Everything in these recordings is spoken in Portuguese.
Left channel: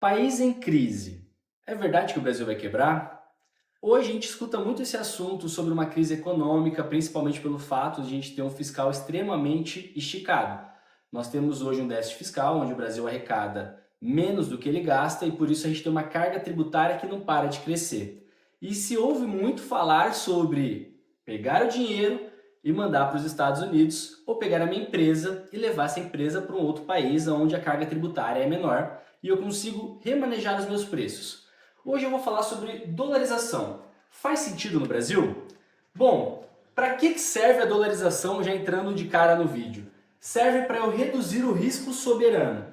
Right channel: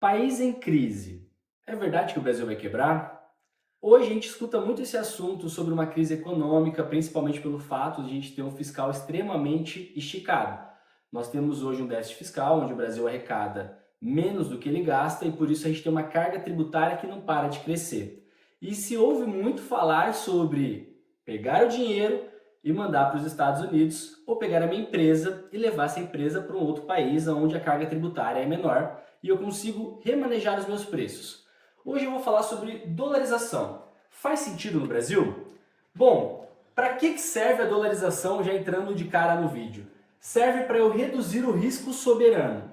País em crise. É verdade que o Brasil vai quebrar? Hoje a gente escuta muito esse assunto sobre uma crise econômica, principalmente pelo fato de a gente ter um fiscal extremamente esticado. Nós temos hoje um déficit fiscal, onde o Brasil arrecada menos do que ele gasta e por isso a gente tem uma carga tributária que não para de crescer. E se ouve muito falar sobre pegar o dinheiro e mandar para os Estados Unidos ou pegar a minha empresa e levar essa empresa para um outro país onde a carga tributária é menor e eu consigo remanejar os meus preços. Hoje eu vou falar sobre dolarização. Faz sentido no Brasil? Bom, para que serve a dolarização já entrando de cara no vídeo? Serve para eu reduzir o risco soberano.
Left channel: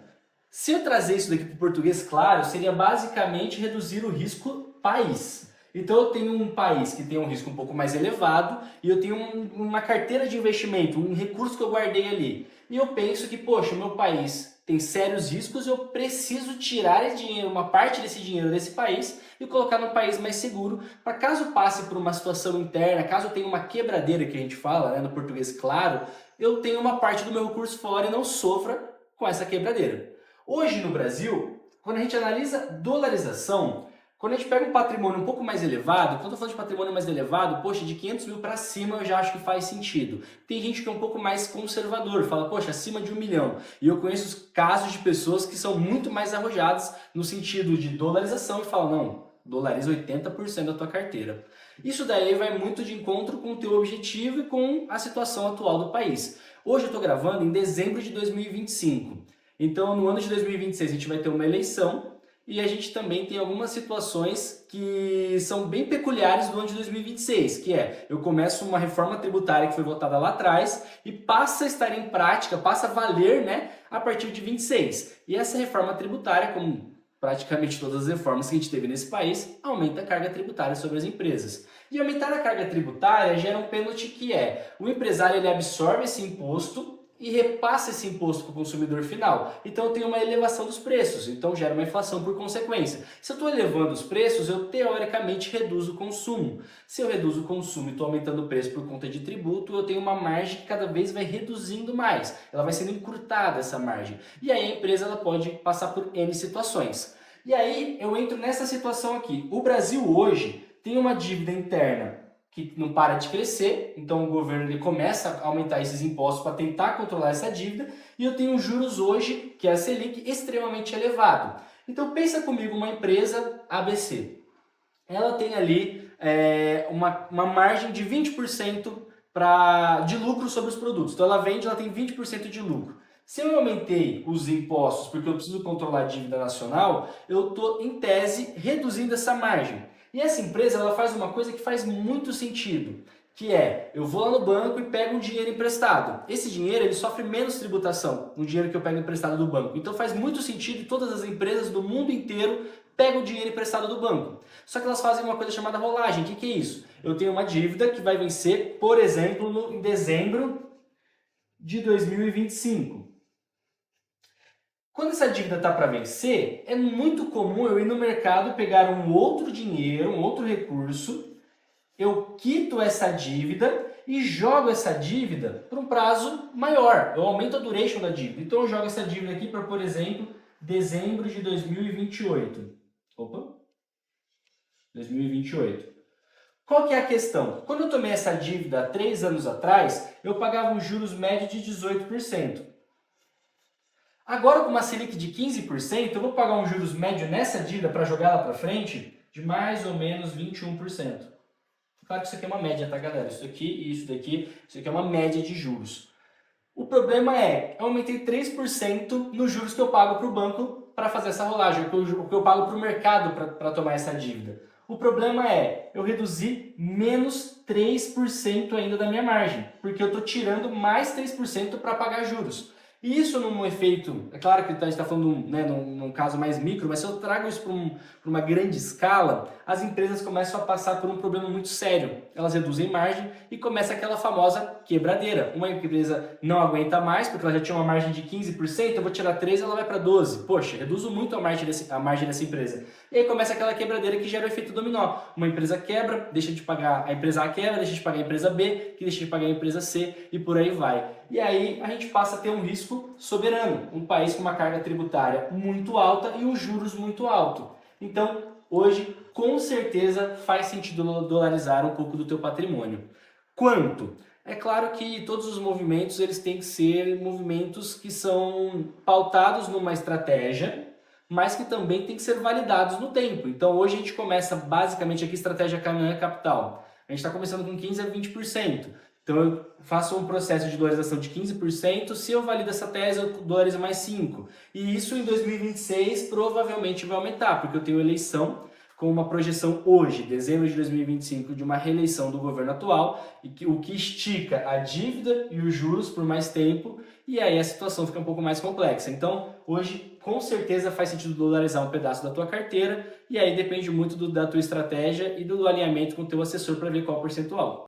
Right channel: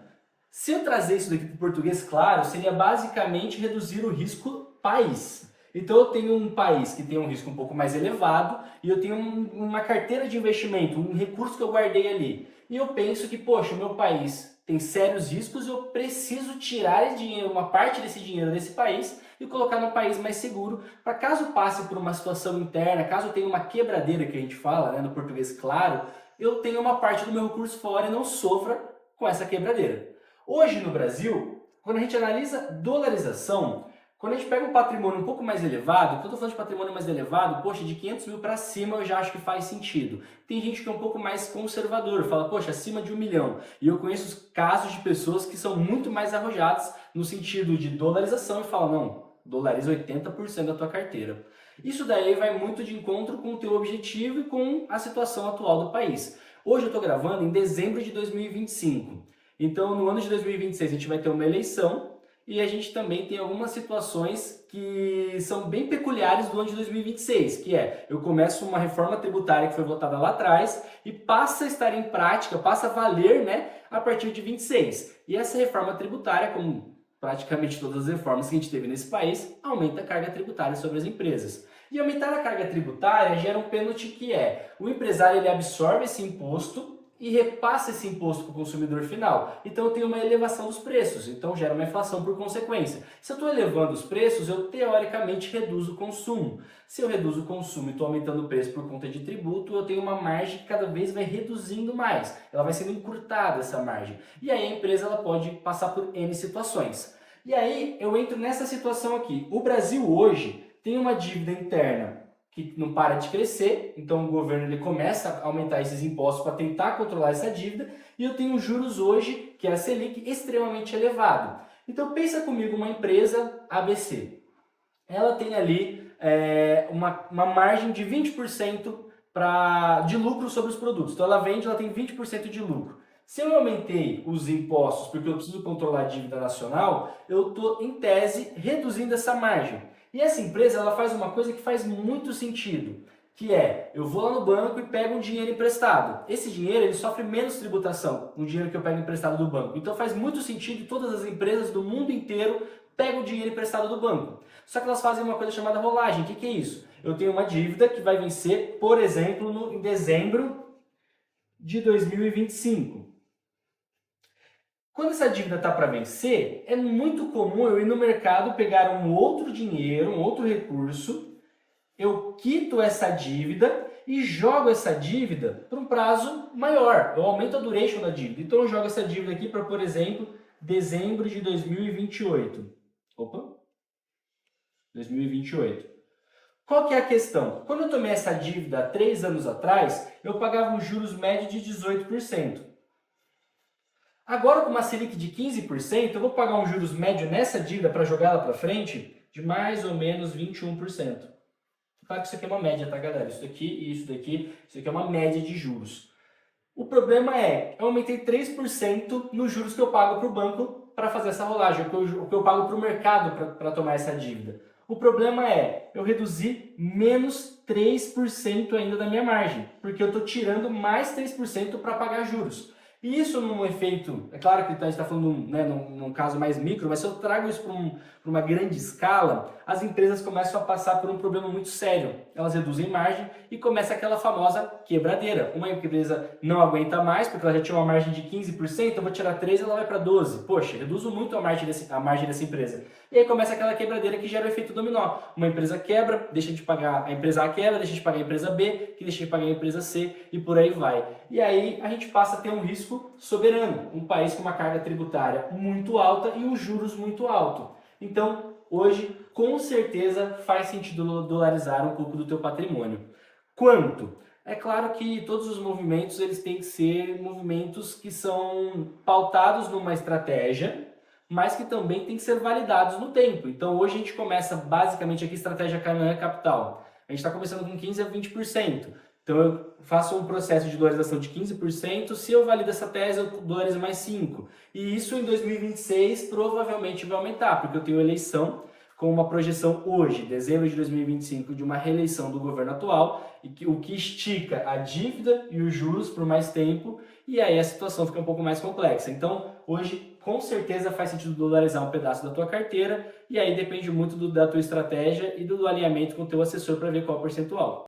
Se eu trazer isso daqui para o português claro, seria basicamente reduzir o risco país. Então eu tenho um país que tem um risco um pouco mais elevado e eu tenho uma carteira de investimento, um recurso que eu guardei ali. E eu penso que, poxa, o meu país tem sérios riscos, eu preciso tirar dinheiro, uma parte desse dinheiro desse país e colocar num país mais seguro, para caso passe por uma situação interna, caso tenha uma quebradeira que a gente fala, né, no português claro, eu tenho uma parte do meu recurso fora e não sofra com essa quebradeira. Hoje no Brasil, quando a gente analisa dolarização, quando a gente pega um patrimônio um pouco mais elevado, quando eu estou falando de patrimônio mais elevado, poxa, de 500 mil para cima eu já acho que faz sentido. Tem gente que é um pouco mais conservador, fala, poxa, acima de 1 milhão. E eu conheço casos de pessoas que são muito mais arrojadas no sentido de dolarização e falam, não, dolariza 80% da tua carteira. Isso daí vai muito de encontro com o teu objetivo e com a situação atual do país. Hoje eu estou gravando em dezembro de 2025. Então, no ano de 2026 a gente vai ter uma eleição e a gente também tem algumas situações que são bem peculiares do ano de 2026, que é, eu começo uma reforma tributária que foi votada lá atrás e passa a estar em prática, passa a valer, né, a partir de 26. E essa reforma tributária, como praticamente todas as reformas que a gente teve nesse país, aumenta a carga tributária sobre as empresas. E aumentar a carga tributária gera um pênalti que é, o empresário ele absorve esse imposto e repassa esse imposto para o consumidor final. Então eu tenho uma elevação dos preços, então gera uma inflação por consequência. Se eu estou elevando os preços, eu teoricamente reduzo o consumo. Se eu reduzo o consumo e estou aumentando o preço por conta de tributo, eu tenho uma margem que cada vez vai reduzindo mais. Ela vai sendo encurtada essa margem. E aí a empresa ela pode passar por N situações. E aí eu entro nessa situação aqui. O Brasil hoje tem uma dívida interna que não para de crescer, então o governo ele começa a aumentar esses impostos para tentar controlar essa dívida, e eu tenho juros hoje, que é a Selic, extremamente elevado. Então pensa comigo uma empresa ABC. Ela tem ali uma margem de 20% de lucro sobre os produtos. Então ela vende, ela tem 20% de lucro. Se eu aumentei os impostos porque eu preciso controlar a dívida nacional, eu estou, em tese, reduzindo essa margem. E essa empresa ela faz uma coisa que faz muito sentido, que é, eu vou lá no banco e pego um dinheiro emprestado. Esse dinheiro ele sofre menos tributação, o dinheiro que eu pego emprestado do banco. Então faz muito sentido e todas as empresas do mundo inteiro pegam o dinheiro emprestado do banco. Só que elas fazem uma coisa chamada rolagem. O que é isso? Eu tenho uma dívida que vai vencer, por exemplo, em dezembro de 2025. Quando essa dívida está para vencer, é muito comum eu ir no mercado pegar um outro dinheiro, um outro recurso, eu quito essa dívida e jogo essa dívida por um prazo maior. Eu aumento a duration da dívida. Então eu jogo essa dívida aqui para, por exemplo, dezembro de 2028. Opa! 2028. Qual que é a questão? Quando eu tomei essa dívida há 3 anos atrás, eu pagava um juros médio de 18%. Agora, com uma Selic de 15%, eu vou pagar um juros médio nessa dívida para jogar lá para frente de mais ou menos 21%. Claro que isso aqui é uma média, tá, galera? Isso aqui e isso daqui, isso aqui é uma média de juros. O problema é, eu aumentei 3% nos juros que eu pago para o banco para fazer essa rolagem, o que eu pago para o mercado para tomar essa dívida. O problema é, eu reduzi menos 3% ainda da minha margem, porque eu estou tirando mais 3% para pagar juros. E isso num efeito, é claro que a gente está falando né, num caso mais micro, mas se eu trago isso para uma grande escala, as empresas começam a passar por um problema muito sério. Elas reduzem margem e começa aquela famosa quebradeira. Uma empresa não aguenta mais, porque ela já tinha uma margem de 15%, eu vou tirar 13%, ela vai para 12%. Poxa, reduzo muito a margem dessa empresa. E aí começa aquela quebradeira que gera o efeito dominó. Uma empresa quebra, deixa de pagar a empresa A quebra, deixa de pagar a empresa B, que deixa de pagar a empresa C e por aí vai. e aí a gente passa a ter um risco soberano, um país com uma carga tributária muito alta e um juros muito alto. Então, hoje, com certeza, faz sentido dolarizar um pouco do teu patrimônio. Quanto? É claro que todos os movimentos eles têm que ser movimentos que são pautados numa estratégia, mas que também têm que ser validados no tempo. Então hoje a gente começa basicamente aqui estratégia Canaã Capital. A gente está começando com 15 a 20%. Então eu faço um processo de dolarização de 15%, se eu valido essa tese eu dolarizo mais 5%. E isso em 2026 provavelmente vai aumentar, porque eu tenho eleição com uma projeção hoje, dezembro de 2025, de uma reeleição do governo atual, e o que estica a dívida e os juros por mais tempo, e aí a situação fica um pouco mais complexa. Então, hoje, com certeza faz sentido dolarizar um pedaço da tua carteira, e aí depende muito da tua estratégia e do alinhamento com o teu assessor para ver qual o percentual.